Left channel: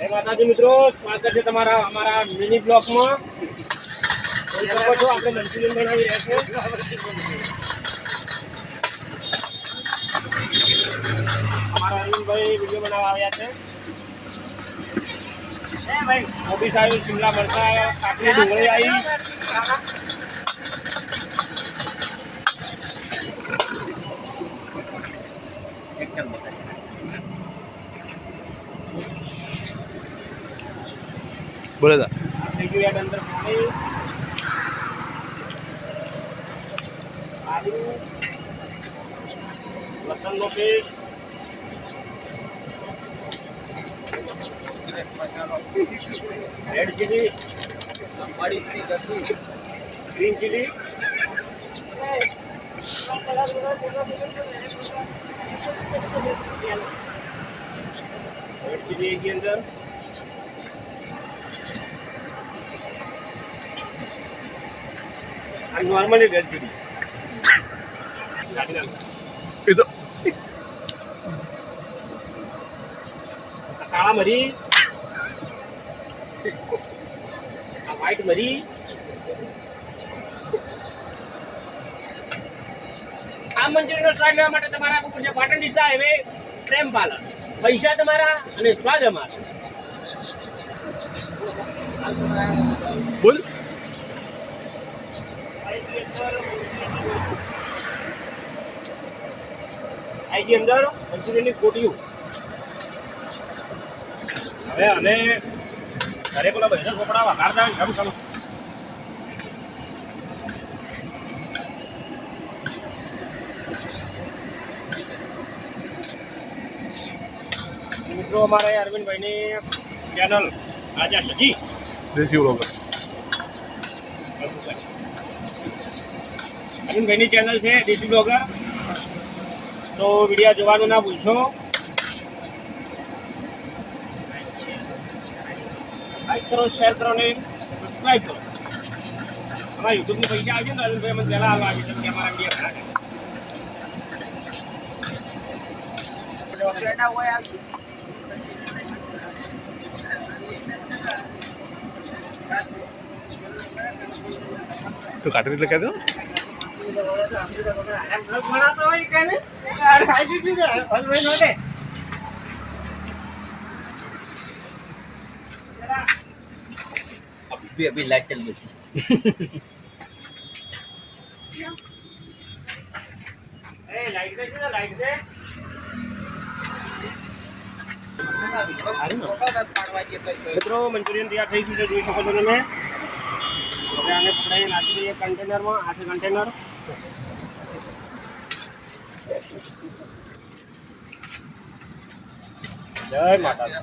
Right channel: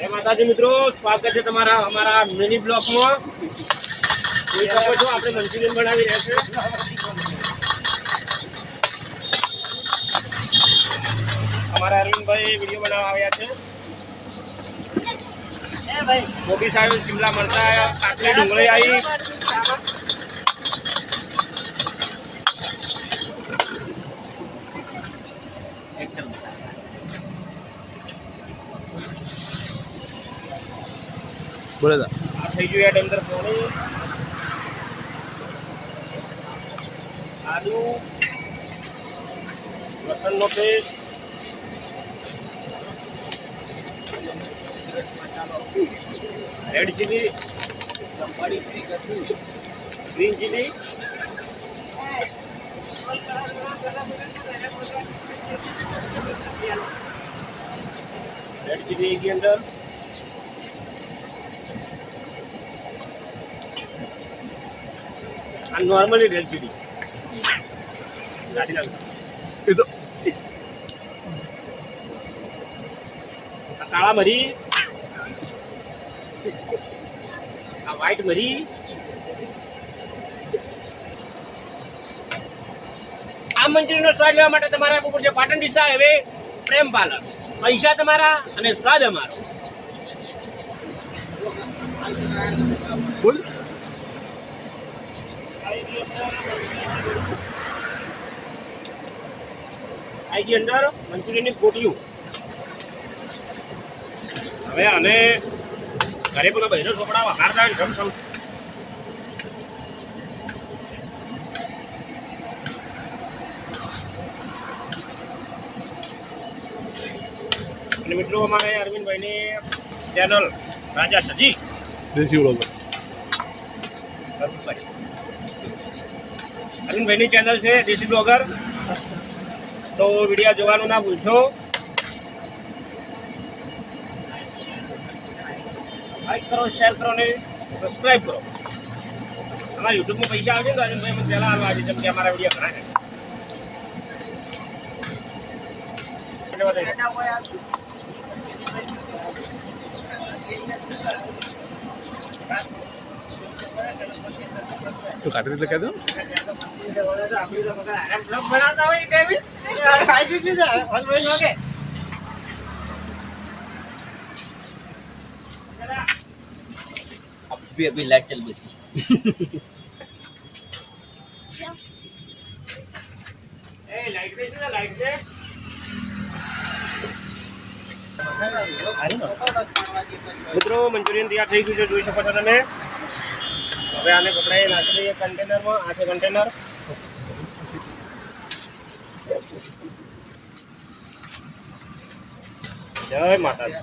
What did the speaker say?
જય માતાજી મિત્રો, સ્વાગત છે તમારા અમારા મિની બ્લોકમાં. જોઈ શકો છો આપણે મંચુરિયન બનાવી રહ્યા છે. અમારા અરવિંદભાઈ વિડીયો બનાવવા આવ્યા છે. કોબી સાહેબ, શિમલા મરચાં, કાકડી, ડુંગળી આવી. બોલે તા થઈ ગયું યાદ અંદર પાણી, આદુ, લસણનો paste, red chilli, green chilli, red chilli એની અંદર, નોર્મલી રેડ ચીલી કાઢી નાખો. એ તો કાળા મરી, આ વ્હાઈટ મરી, આ મંચુરિયનનો સ્વાદ લેવા માટે તમારે આપવું પડશે પાટણ ડીસા હાઈવે પ્રેમ પાર્લર. પૈસા તમારા અને સ્વાદ અમારો. બોલ આઈજી અંદર મંચુરિયનની કોટીઓ. હવે અમે ઘરે પેલા બહેનો છોકરા વઘારતા હોય જમ થયું. અને મિત્રો અમારે અરવિંદભાઈની ચેનલ રાજા સજી દેશી વ્લોગર અરવિંદભાઈની ચેનલ છે દેશી બ્લોગર. તો વિડીયો જોવાનું ના ભૂલશો. લાઈક કરો, શેર કરો ને સબસ્ક્રાઈબ કરો. અમારા યુટ્યુબમાં પૈસા આવશે ને અરવિંદભાઈ અમે પહેલાં આવવા આજે જેમ કે અમારા વિડીયો ઘણા તો કાઢી એટલે કહી દો. अभी लाइट चल गई લાઈટ છે લાઈટ છે. મિત્રો મંચુરિયન તૈયાર થઈ ગયું છે, જોઈ શકો છો તમે. હવે આને પકડાઈ નાખી દઈએ કન્ટેનરમાં. આ છે કન્ટેનર. જય માતાજી.